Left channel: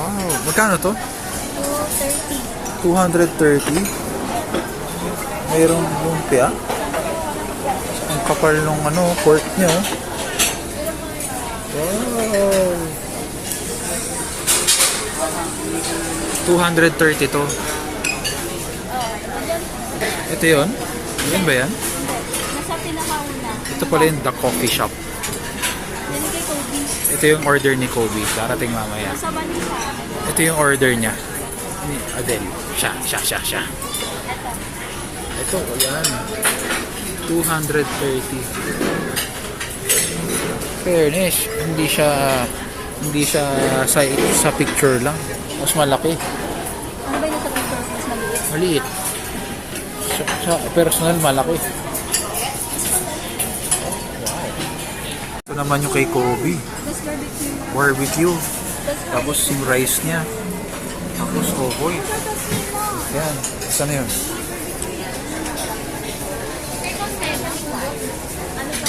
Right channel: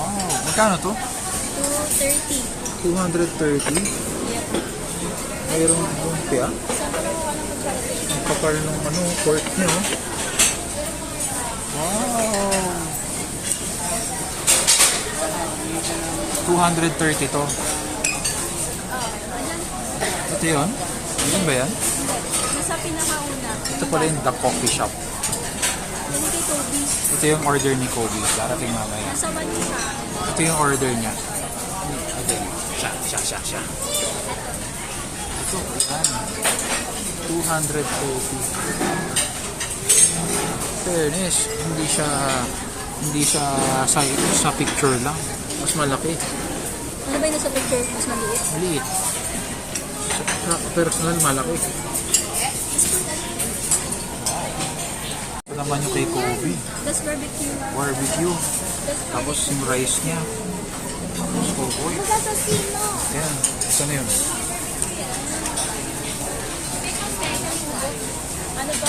Wow, magkano to? 230. 230. Mayroong lumpia. Ang kapal nung pork niya, oh. Wow. 230 to. Ito yun? Yun ba yan? Nasa pinakauna. Ito pala yung The Coffee Shop. Yan kay Kobe. Ito yung order ni Kobe. Darating mamaya. Nasa bansa. Ito yung order niya. Again. Siya. Ito, yan. 230. Fairness, hindi siya sa picture lang. Mas malaki. Ano ba yung nasa picture? Mas maliit? Maliit. Sa personal, malaki. Wow. Ito naman yung kay Kobe. That's barbecue. Barbecue. That's Tapos yung rice niya. Tapos kokoy. Yan. Isa na yun. ano ba?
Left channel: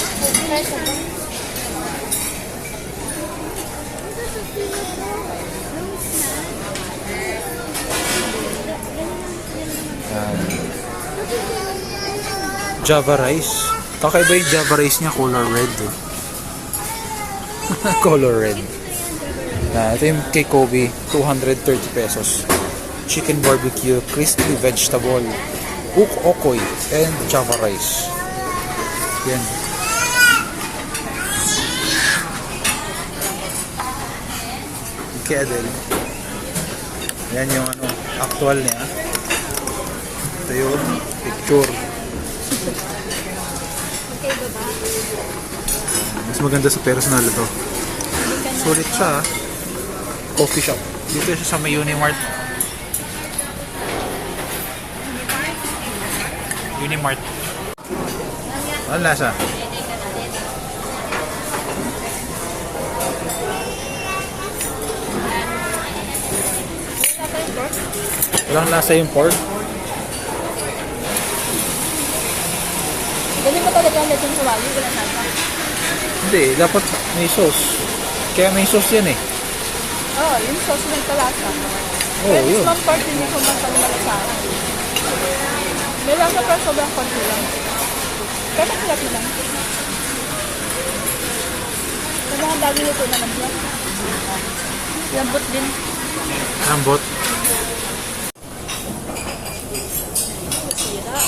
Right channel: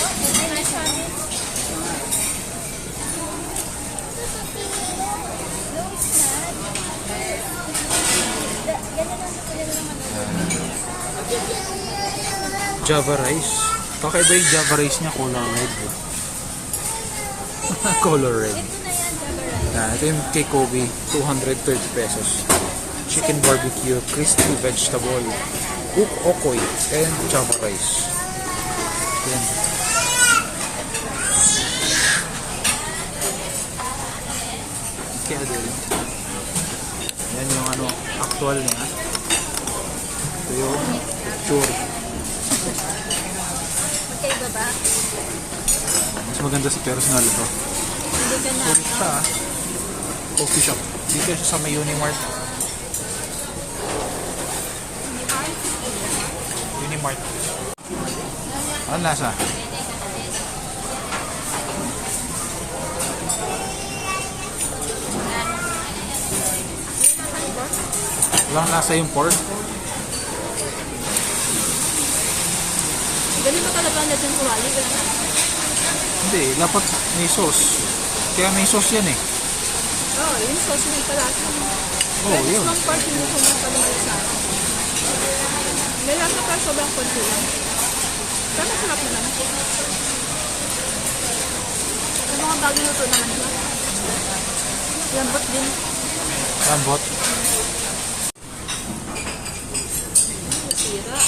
Yan. Java rice. Kakaiba yung Java rice niya, color red. Eh. Color red. Ito yung kay Kobe, 230 pesos. Chicken barbecue, crispy vegetable, cook okoy, and Java rice. Yan. Kedel. Yan yung actual niya. Ito yung picture. Magkaiba ba? Mas maganda sa personal ito. Sulit siya. Coffee shop. Dito siya sa may Unimart. Unimart. Ano lasa? Walang lasa yung pork. Ganun ba talaga ang lechon kulawi? Wala na. Hindi, dapat may sauce. Kaya may sauce yan eh. Oo, yung sauce may palasa. Oo, Pero yun. mas part din yung kumakal malasahan. Nilasa pero sobrang konti lang. Pero mas lati lang. Yung mga bagong luto naman yun. Lambot din. Lambot. Sira.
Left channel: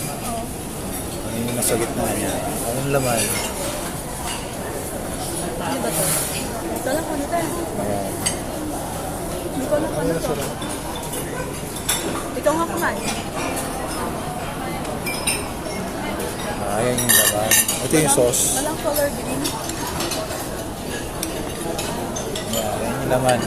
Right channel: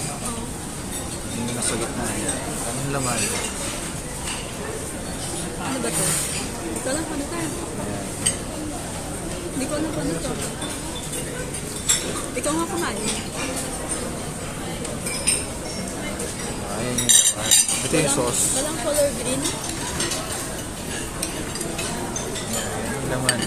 Ano yung nasa gitna niya? Anong laman? Ano ba ito? Ito lang ano ito. Ayan. Hindi ko alam kung ano ito. Ikaw nga kumain. Ayan yung laman. Ito yung sauce. Walang color green. Ayan yung laman.